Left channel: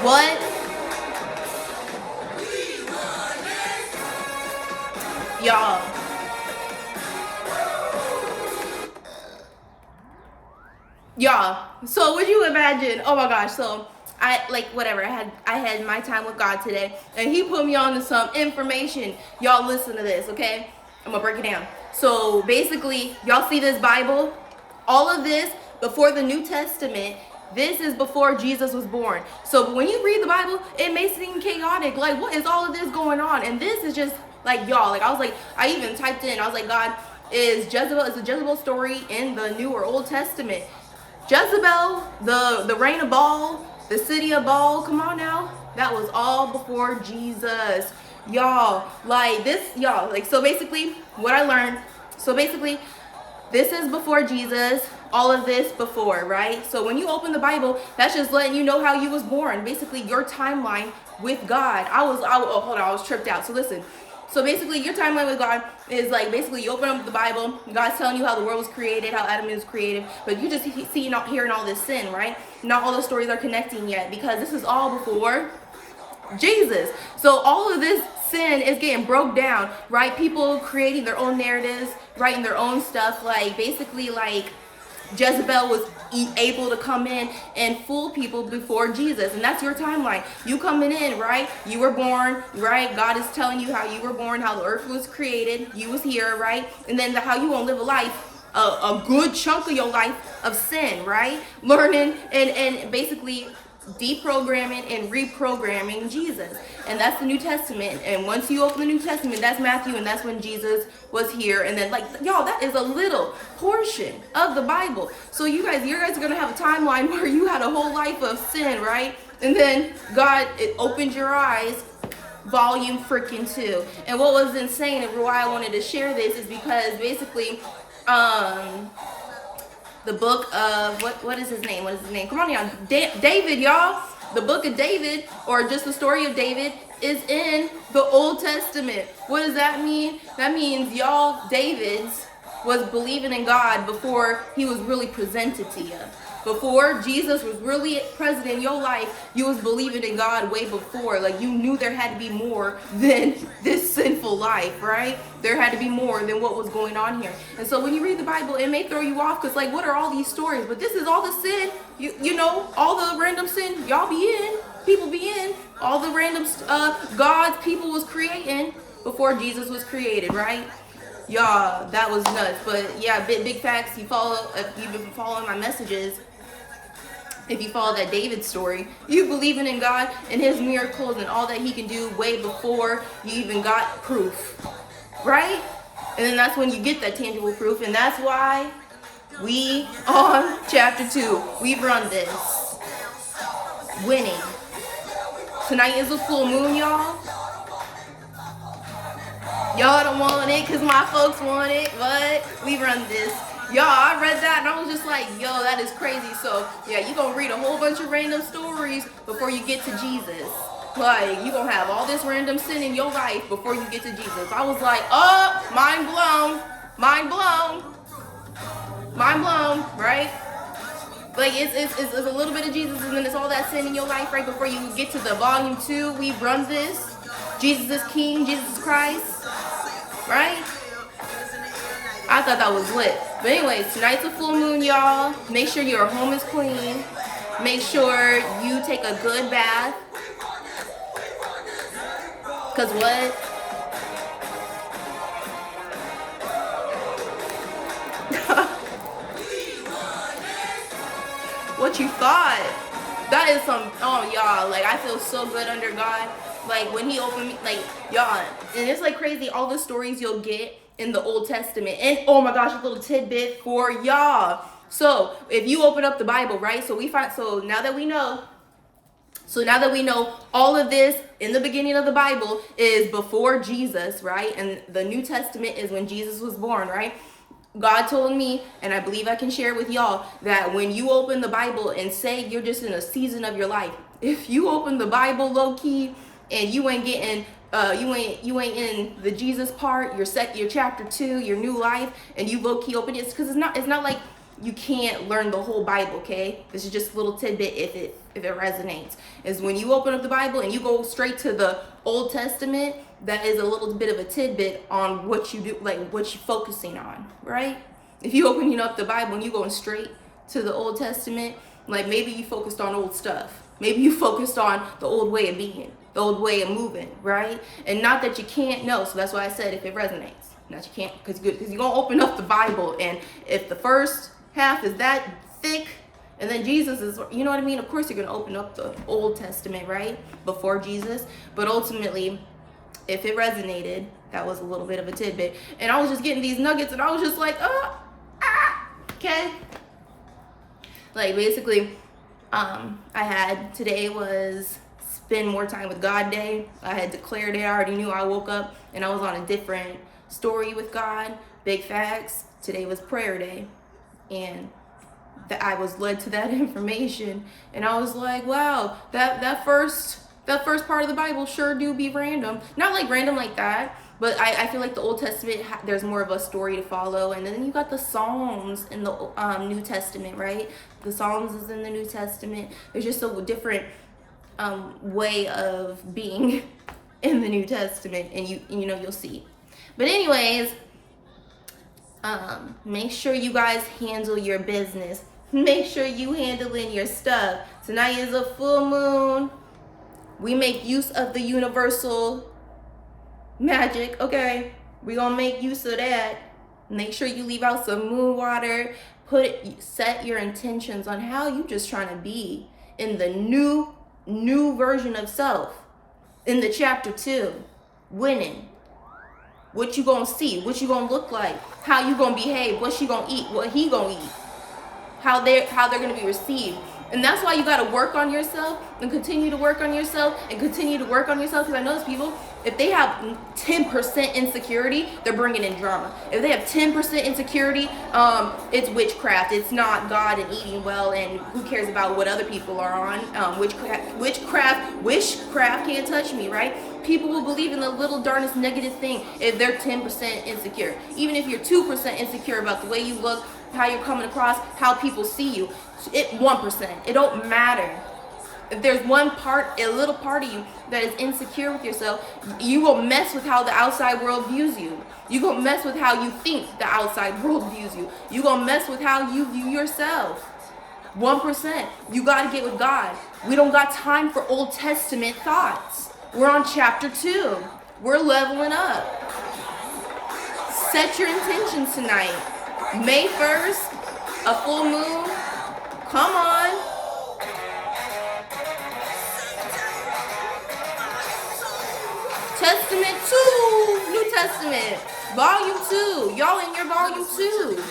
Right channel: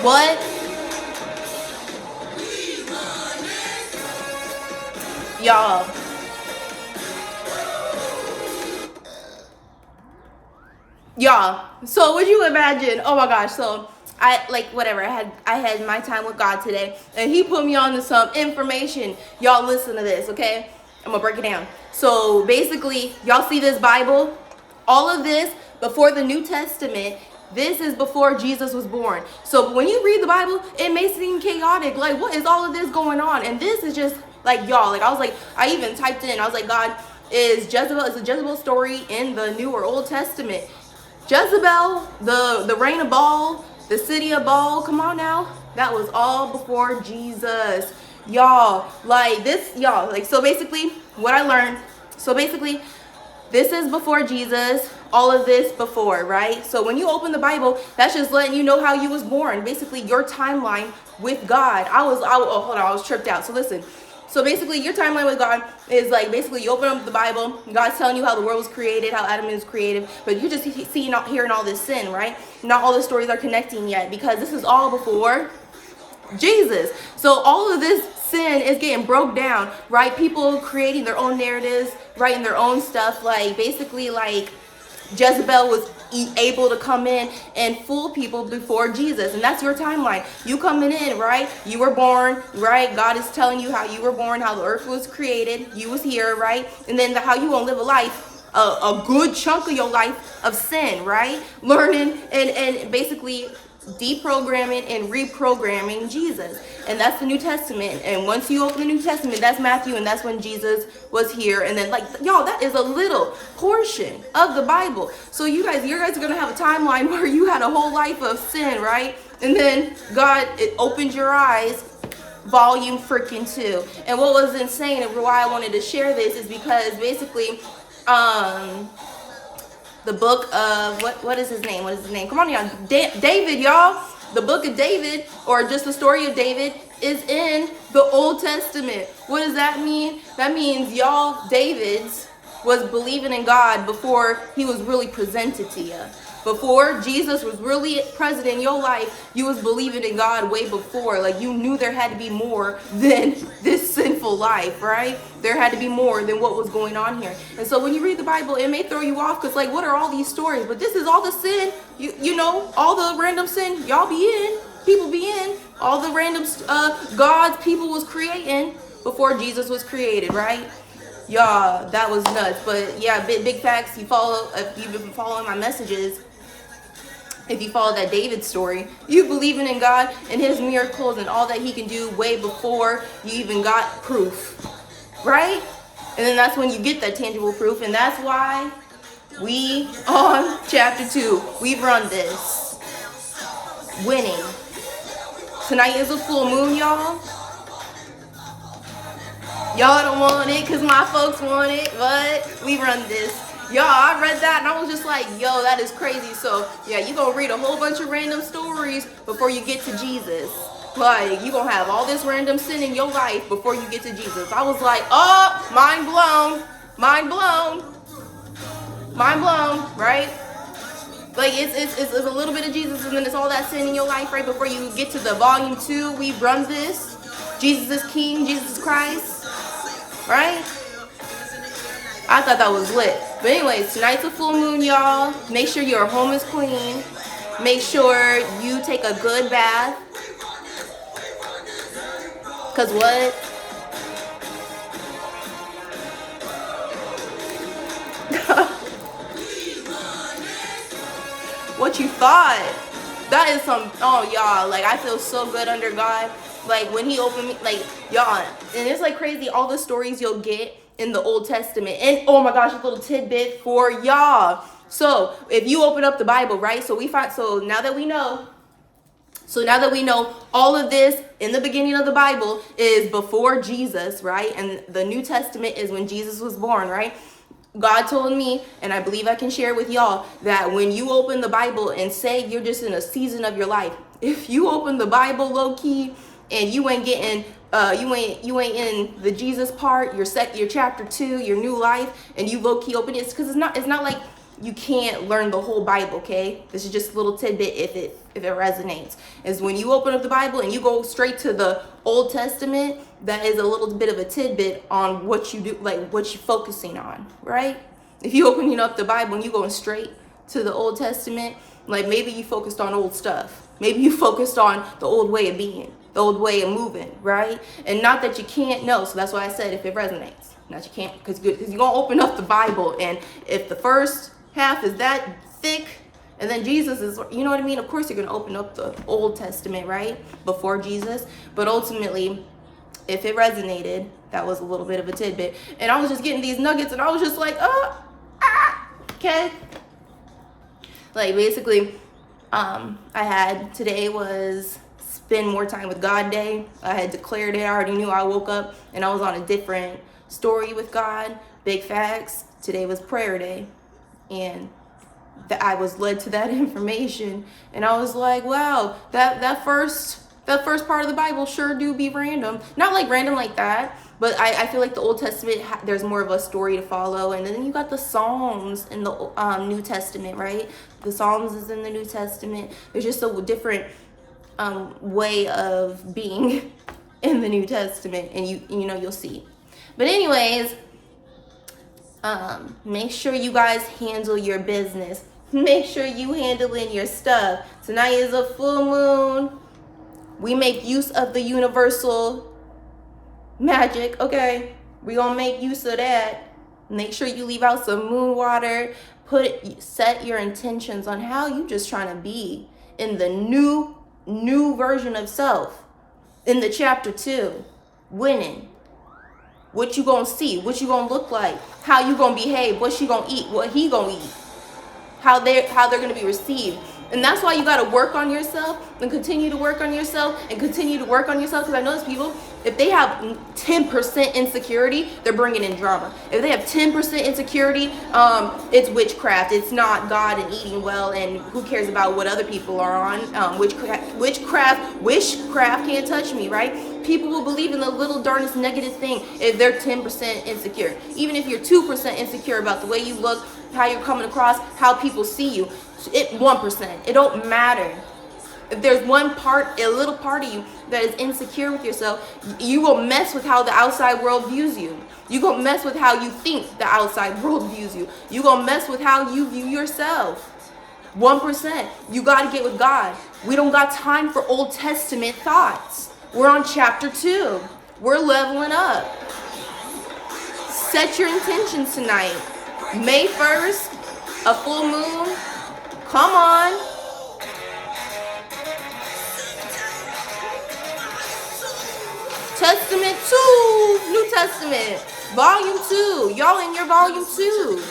What? Y'all. Y'all. So would you imagine? Oh my gosh. So I like whatever. I had my time with God today, and He put me on to some information. Y'all listen to this, okay? I'm gonna break it down. So basically, y'all see this Bible? All of this before the New Testament. This is before Jesus was born. So when you read the Bible, it may seem chaotic. Like, what is all of this going on? And this is just like y'all. Like I was like, I even typed in. I was like, God, is the Jezebel story in the New or Old Testament? Jezebel, the reign of Baal, the city of Baal, come on now. That was all before Jesus. Y'all, like this, y'all, like, so basically, what I learned, so basically, this is before Jesus, all of this before, right? So when you open the Bible, that's just letting you know how you was born, basically your timeline with God. Oh, hold on, I was tripped out. So listen, so basically your timeline with God is like, basically you open up the Bible, God's telling you how the world was created, how Adam is created, but you just hearing all this sin, right? Not all the stories are connecting yet, because this is all before Jesus. So all of this sin is getting broke down, right? People creating their own narratives, writing their own stuff, like basically like Jezebel was able to come in and fool people before Jesus. And that's your timeline. You coming in, right? You were born, right? God is telling you how you were born, how the earth was created. You was here, right? And then how you gonna live a life, a good chunk of your life of sin, right? Learning and basically deprogramming and reprogramming Jesus. And that's the New Testament. And once you open the New Testament, that's Matthew, and that's when Jesus was here. And then, like, y'all, that is a little portion of the Bible. So you guys are gonna have a timeline where you had a whole life of sin, right? And then God, it opened your eyes, volume freaking 2. And what was insane and why I wanted to share this is because basically, the book of what is his name? What is his name? Come on, y'all. David, y'all. The book of David, or just the story of David, is in the Old Testament. What does that mean? That means y'all, David's was believing in God before he was really presented to you. Before Jesus was really present in your life, you was believing in God way before. Like, you knew there had to be more than this sinful life, right? There had to be more than what was going on here. And so when you read the Bible, it may throw you off, because like, what are all these stories? But this is all the sin, you know, all the random sin y'all be in, people be in, all the random gods people was creating before Jesus was created, right? Y'all, that was nuts. But yeah, big facts. If you've been following my messages, if you follow that David story, you believing in God and his miracles and all that he can do way before you even got proof, right? And then that's when you get that tangible proof. And that's why we on chapter 2, we run this winning. Tonight is a full moon, y'all. Y'all don't want it because my folks want it, but we run this. Y'all, I read that and I was just like, yo, that is crazy. So yeah, you gonna read a whole bunch of random stories before you get to Jesus. Like, you gonna have all this random sin in your life before you get to Jesus. I was like, oh, mind blown, right? Like, it's a little bit of Jesus, and then it's all that sin in your life right before you get to the volume 2. We run this. Jesus is King, Jesus Christ, right? I thought that was lit. But anyways, tonight's a full moon, y'all. Make sure your home is clean. Make sure you take a good bath. Cause what? What you thought? That is some, oh y'all, like, I feel so good under God. Like, when he opened me, like, y'all, and it's like crazy, all the stories you'll get in the Old Testament. And oh my gosh, a little tidbit for y'all. So if you open up the Bible, right? So now that we know all of this in the beginning of the Bible is before Jesus, right? And the New Testament is when Jesus was born, right? God told me, and I believe I can share with y'all, that when you open the Bible and say you're just in a season of your life, if you open the Bible low key and you ain't getting you ain't in the Jesus part, your chapter 2, your new life, and you low key open it, because it's not like you can't learn the whole Bible, okay? This is just a little tidbit if it resonates. Is when you open up the Bible and you go straight to the Old Testament, that is a little bit of a tidbit on what you do, like what you're focusing on, right? If you open up the Bible and you going straight to the Old Testament, like maybe you focused on old stuff. Maybe you focused on the old way of being, the old way of moving, right? And not that you can't know. So that's why I said if it resonates. Not you can't, because you're going to open up the Bible, and if the first half is that thick, and then Jesus is, you know what I mean? Of course you're going to open up the Old Testament, right? Before Jesus. But ultimately, if it resonated, that was a little bit of a tidbit. And I was just getting these nuggets, and I was just like, okay. Like basically, today was spend more time with God day. I had declared it. I already knew. I woke up and I was on a different story with God. Big facts. Today was prayer day, and I was led to that information, and I was like, wow, that first part of the Bible sure do be random. Not like random like that, but I feel like the Old Testament, there's more of a story to follow. And then you got the Psalms in the New Testament, right? The Psalms is in the New Testament. There's just a different way of being in the New Testament, and you'll see. But anyways, make sure you guys handle your business. Make sure you handling your stuff. Tonight is a full moon. We make use of the universal magic, okay? We gonna make use of that. Make sure you leave out some moon water. Set your intentions on how you just trying to be in the new version of self. In the chapter 2, winning. What you gonna see? What you gonna look like? How you gonna behave? What she gonna eat? What he gonna eat? How they're gonna be received. And that's why you gotta work on yourself and continue to work on yourself and continue to work on yourself. Because I notice people, if they have 10% insecurity, they're bringing in drama. If they have 10% insecurity, it's witchcraft. It's not God and eating well, and who cares about what other people are on? Witchcraft can't touch me, right? People will believe in the little darnest negative thing if they're 10% insecure. Even if you're 2% insecure about the way you look, how you're coming across, how people see you, 1%. It don't matter. If there's a little part of you that is insecure with yourself, you will mess with how the outside world views you. You gonna mess with how you think the outside world views you. You gonna mess with how you view yourself. 1%. You gotta get with God. We don't got time for Old Testament thoughts. We're on chapter 2. We're leveling up. Set your intentions tonight. May 1st, a full moon. Come on. Testament 2, New Testament, volume 2. Y'all in your volume 2.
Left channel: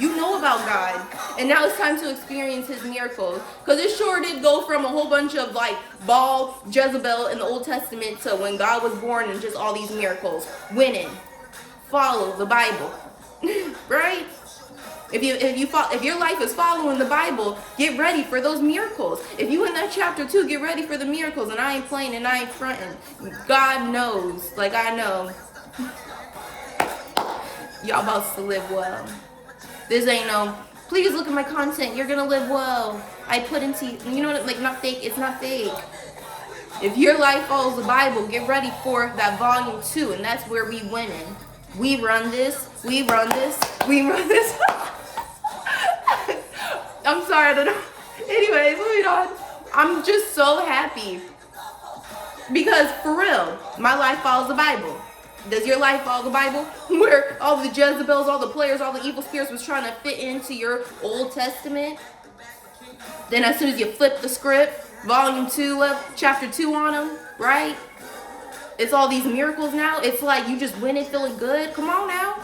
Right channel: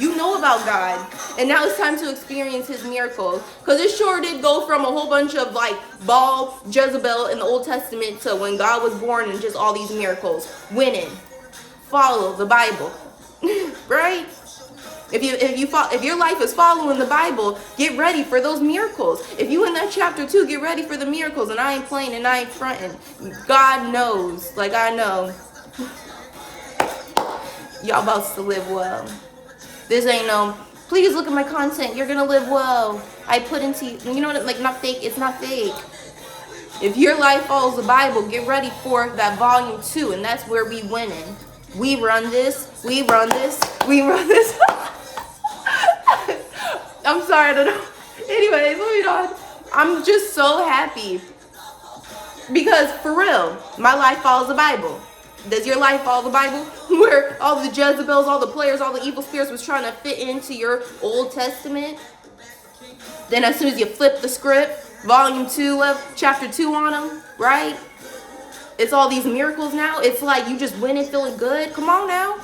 You know about God. And now it's time to experience his miracles. Because it sure did go from a whole bunch of like Baal, Jezebel in the Old Testament to when God was born and just all these miracles. Winning. Follow the Bible. Right? If your life is following the Bible, get ready for those miracles. If you in that chapter 2, get ready for the miracles. And I ain't playing and I ain't fronting. God knows, like I know. Y'all about to live well. This ain't no, please look at my content. You're gonna live well. I put into, you know what, like not fake. It's not fake. If your life follows the Bible, get ready for that volume 2. And that's where we winning. We run this. We run this. We run this. I'm sorry, I don't know. Anyways, moving on. I'm just so happy. Because for real, my life follows the Bible. Does your life follow the Bible? Where all the Jezebels, all the players, all the evil spirits was trying to fit into your Old Testament. Then as soon as you flip the script, volume 2 of chapter 2 on them, right? It's all these miracles now. It's like you just went and feeling good. Come on now.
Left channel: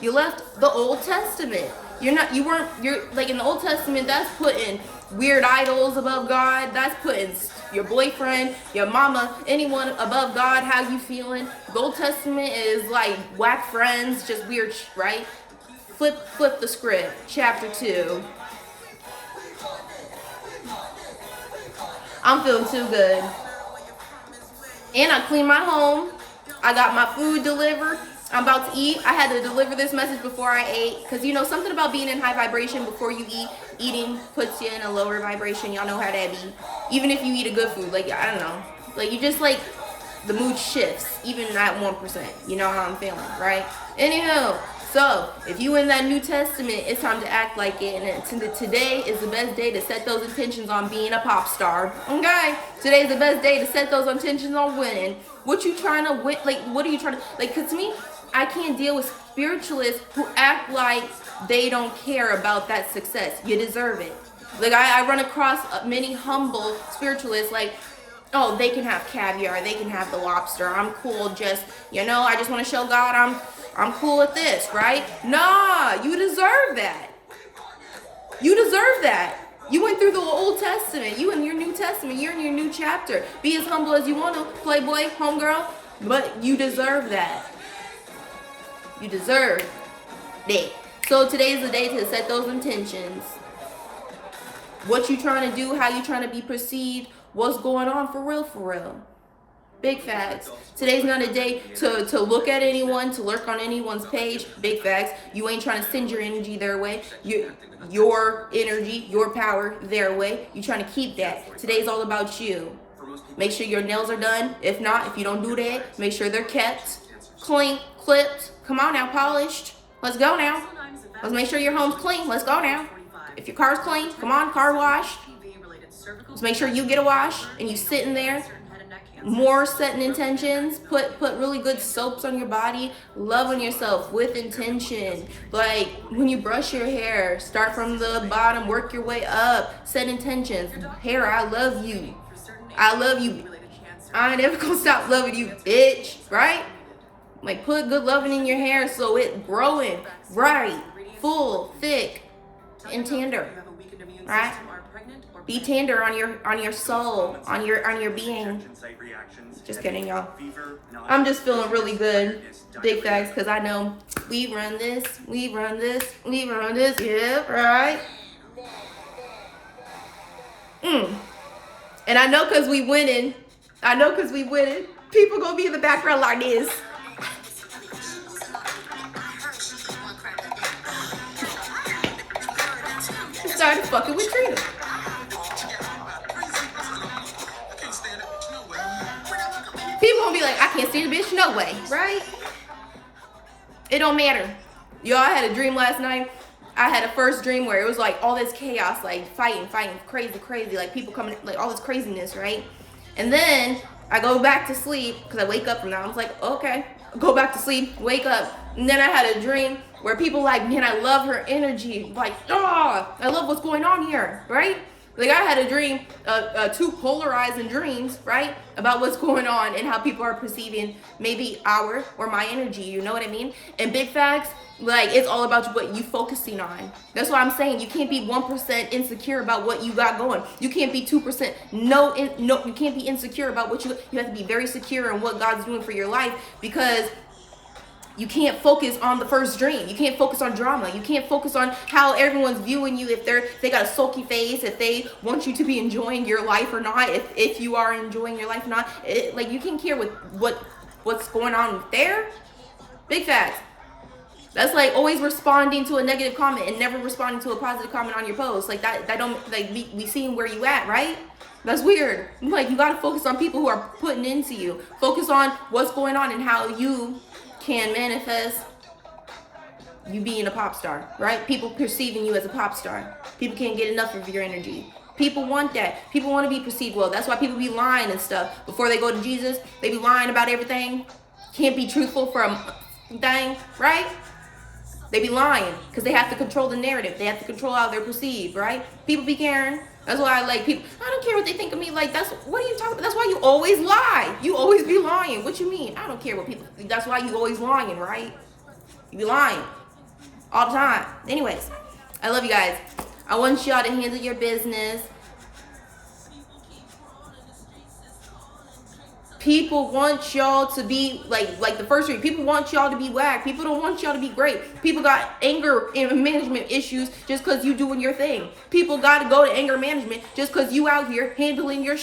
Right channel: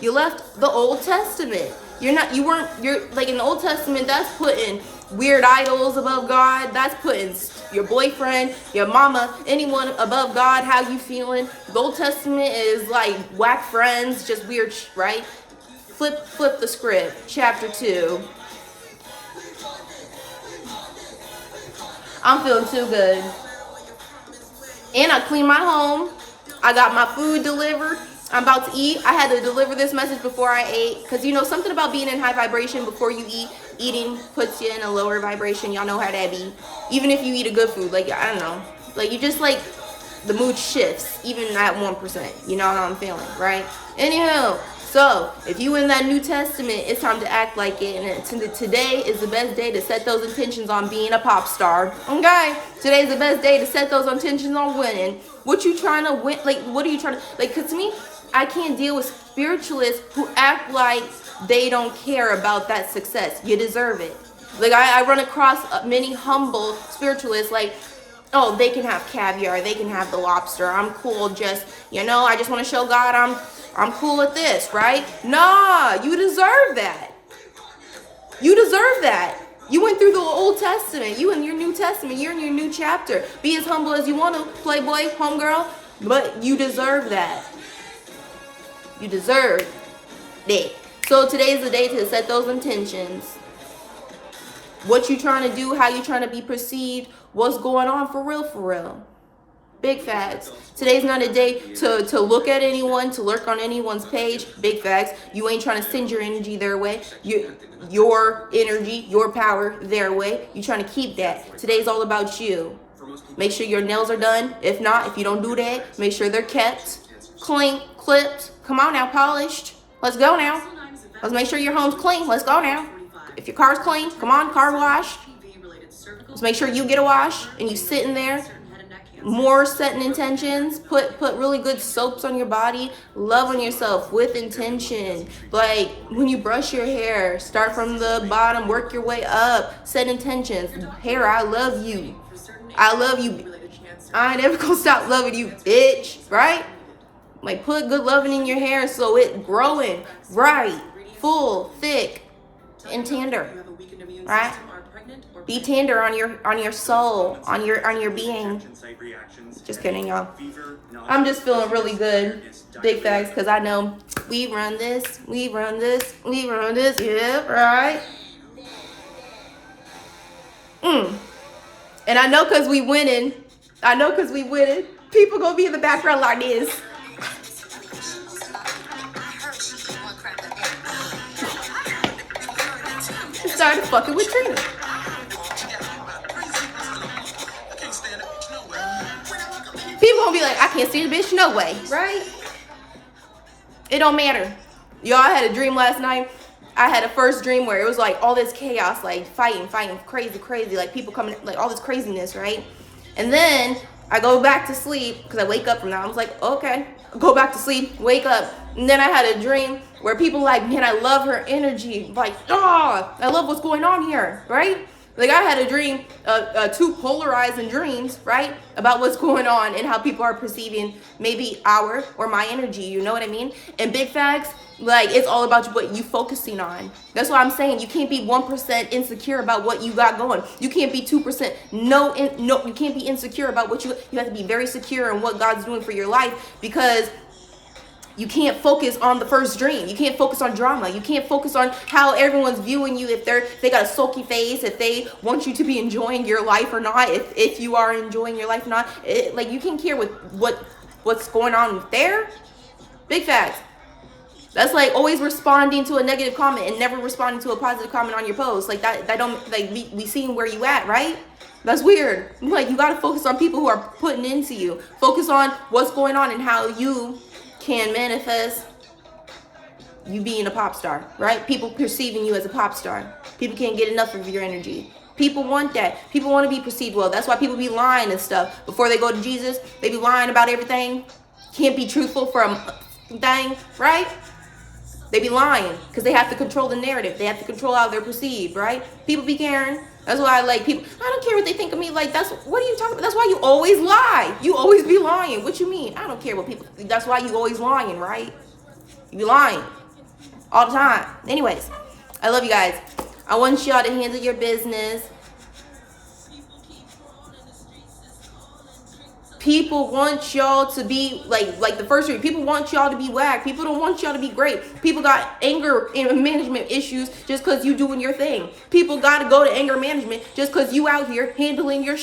You left the Old Testament. You're like in the Old Testament, that's putting weird idols above God. That's putting your boyfriend, your mama, anyone above God. How you feeling? The Old Testament is like whack friends, just weird, right? Flip the script. Chapter 2. I'm feeling too good. And I cleaned my home. I got my food delivered. I'm about to eat. I had to deliver this message before I ate. Because, you know, something about being in high vibration before you eat. Eating puts you in a lower vibration. Y'all know how that be. Even if you eat a good food. Like, I don't know. Like, you just, like, the mood shifts. Even at 1%. You know how I'm feeling, right? Anyhow. So, if you in that New Testament, it's time to act like it. And today is the best day to set those intentions on being a pop star. Okay? Today's the best day to set those intentions on winning. What you trying to win? Like, what are you trying to... Like, because to me, I can't deal with spiritualists who act like they don't care about that success. You deserve it. Like, I run across many humble spiritualists, like, oh, they can have caviar. They can have the lobster. I'm cool. Just, you know, I just want to show God I'm cool with this, right? Nah, you deserve that. You deserve that. You went through the Old Testament. You in your New Testament. You're in your new chapter. Be as humble as you want to, playboy, homegirl. But you deserve that. You deserve it. So today is the day to set those intentions. What you trying to do, how you trying to be perceived, what's going on for real, for real. Big facts. Today's not a day to look at anyone, to lurk on anyone's page. Big facts. You ain't trying to send your energy their way. Your energy, your power their way. You trying to keep that. Today's all about you. Make sure your nails are done. If not, if you don't do that, make sure they're kept, clean, clipped. Come on now, polished. Let's go now. Let's make sure your home's clean. Let's go now. If your car's clean, come on, car wash. Let's make sure you get a wash and you sitting there. More setting intentions. Put really good soaps on your body. Love on yourself with intention. Like when you brush your hair, start from the bottom, work your way up. Set intentions. Hair, I love you. I love you. I ain't never gonna stop loving you, bitch. Right? Like put good loving in your hair so it growing right, full, thick, and tender. Right? Be tender on your soul, on your being. Just kidding, y'all. I'm just feeling really good. Big facts, because I know we run this. Yeah, right? And I know because we winning. People gonna be in the background like this. Started fucking with Trina. People gonna be like, I can't see the bitch, no way, right? It don't matter. Y'all, I had a dream last night. I had a first dream where it was like all this chaos, like fighting, crazy, like people coming, like all this craziness, right? And then I go back to sleep because I wake up from that. I was like, okay, go back to sleep, wake up. And then I had a dream where people like, man, I love her energy. Like, oh, I love what's going on here, right? Like I had a dream, two polarizing dreams, right? About what's going on and how people are perceiving maybe our or my energy, you know what I mean? And big facts, like it's all about what you focusing on. That's what I'm saying. You can't be 1% insecure about what you got going. You can't be 2%. No, you can't be insecure about what you have to be very secure in what God's doing for your life, because you can't focus on the first dream. You can't focus on drama. You can't focus on how everyone's viewing you, if they got a sulky face, if they want you to be enjoying your life or not, if you are enjoying your life or not. Like you can't care with what's going on there. Big facts. That's like always responding to a negative comment and never responding to a positive comment on your post. Like that don't like we seeing where you at, right? That's weird. Like you gotta focus on people who are putting into you. Focus on what's going on and how you can manifest you being a pop star, right? People perceiving you as a pop star. People can't get enough of your energy. People want that. People want to be perceived well. That's why people be lying and stuff. Before they go to Jesus, they be lying about everything. Can't be truthful for a thing, right? They be lying because they have to control the narrative. They have to control how they're perceived, right? People be caring. That's why I like people. I don't care what they think of me. Like, what are you talking about? That's why you always lie. You always be lying. What you mean? I don't care what people think. That's why you always lying, right? You lying all the time. Anyways, I love you guys. I want y'all to handle your business. People want y'all to be like the first read. People want y'all to be whack. People don't want y'all to be great. People got anger and management issues just because you doing your thing. People got to go to anger management just because you out here handling your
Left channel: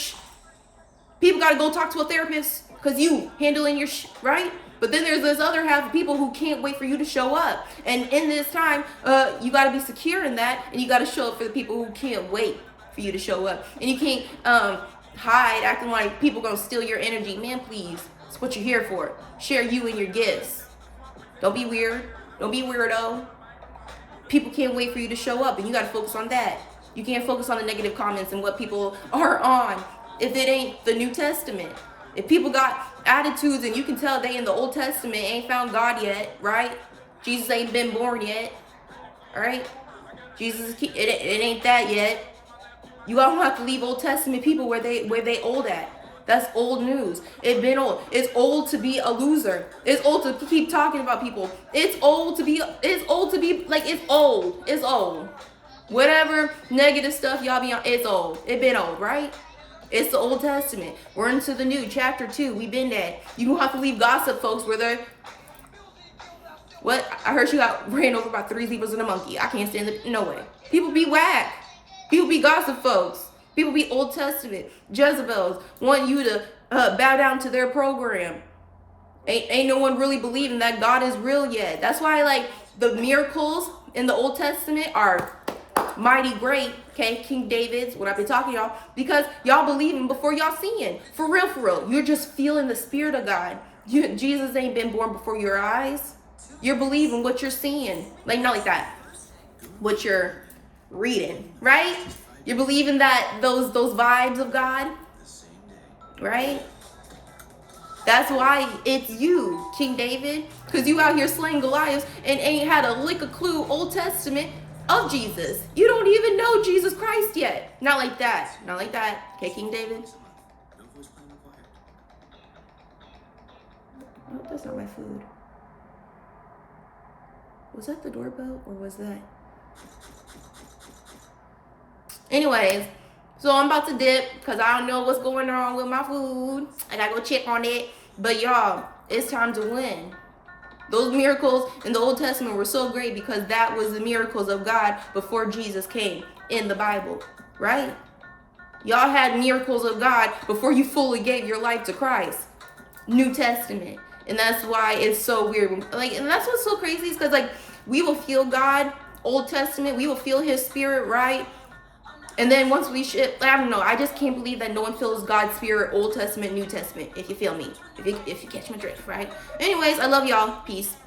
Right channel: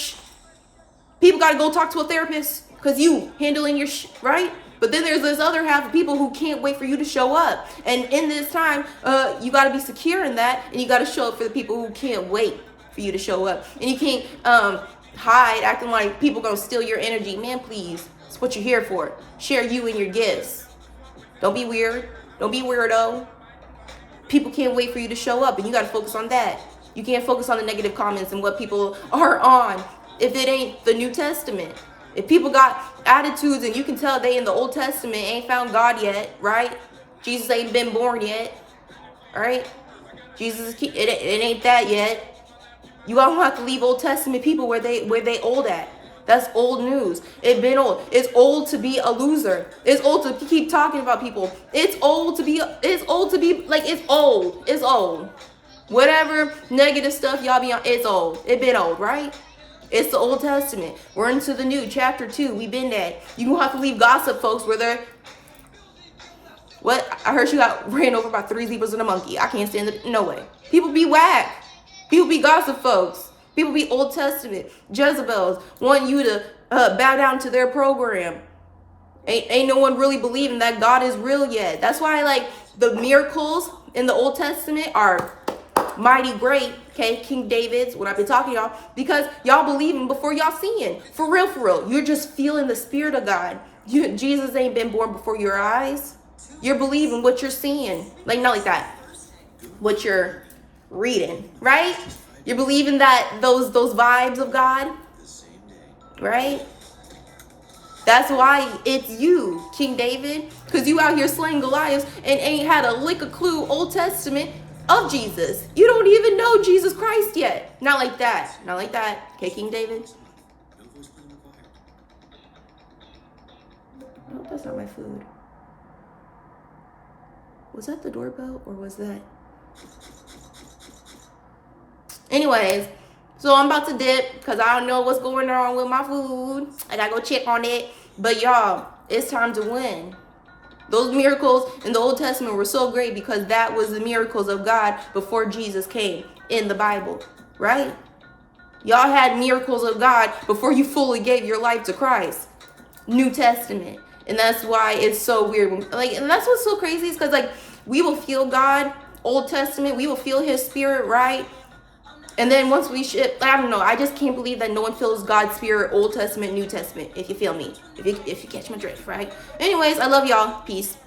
People got to go talk to a therapist because you handling your right? But then there's this other half of people who can't wait for you to show up. And in this time, you got to be secure in that, and you got to show up for the people who can't wait for you to show up. And you can't hide acting like people gonna steal your energy. Man, please, it's what you're here for. Share you and your gifts. Don't be weird. Don't be weirdo. People can't wait for you to show up, and you got to focus on that. You can't focus on the negative comments and what people are on if it ain't the New Testament. If people got attitudes and you can tell they in the Old Testament ain't found God yet, right? Jesus ain't been born yet, all right? Jesus, it ain't that yet. You don't have to leave Old Testament people where they old at. That's old news. It's been old. It's old to be a loser. It's old to keep talking about people. It's old to be like, it's old. It's old. Whatever negative stuff y'all be on, it's old. It been old, right? It's the Old Testament. We're into the new, chapter 2. We've been there. You don't have to leave gossip, folks, where they're... What? I heard you got ran over by 3 zebras and a monkey. I can't stand it. No way. People be whack. People be gossip, folks. People be Old Testament. Jezebels want you to bow down to their program. Ain't no one really believing that God is real yet. That's why, like, the miracles in the Old Testament are mighty great, okay? King David's, when I've been talking to y'all, because y'all believing before y'all seeing. For real, for real. You're just feeling the Spirit of God. Jesus ain't been born before your eyes. You're believing what you're seeing. Like, not like that. What you're reading, right? You're believing that those vibes of God, right? That's why it's you, King David, because you out here slaying Goliath and ain't had a lick of clue Old Testament of Jesus. You don't even know Jesus Christ yet. Not like that. Not like that. Okay, King David? I hope that's not my food. Was that the doorbell or was that? Anyways, so I'm about to dip because I don't know what's going on with my food. I gotta go check on it. But y'all, it's time to win. Those miracles in the Old Testament were so great because that was the miracles of God before Jesus came in the Bible, right? Y'all had miracles of God before you fully gave your life to Christ. New Testament. And that's why it's so weird. And that's what's so crazy is because, like, we will feel God, Old Testament, we will feel his spirit, right? And then once we I don't know, I just can't believe that no one feels God's spirit, Old Testament, New Testament, if you feel me. If you catch my drift, right? Anyways, I love y'all. Peace.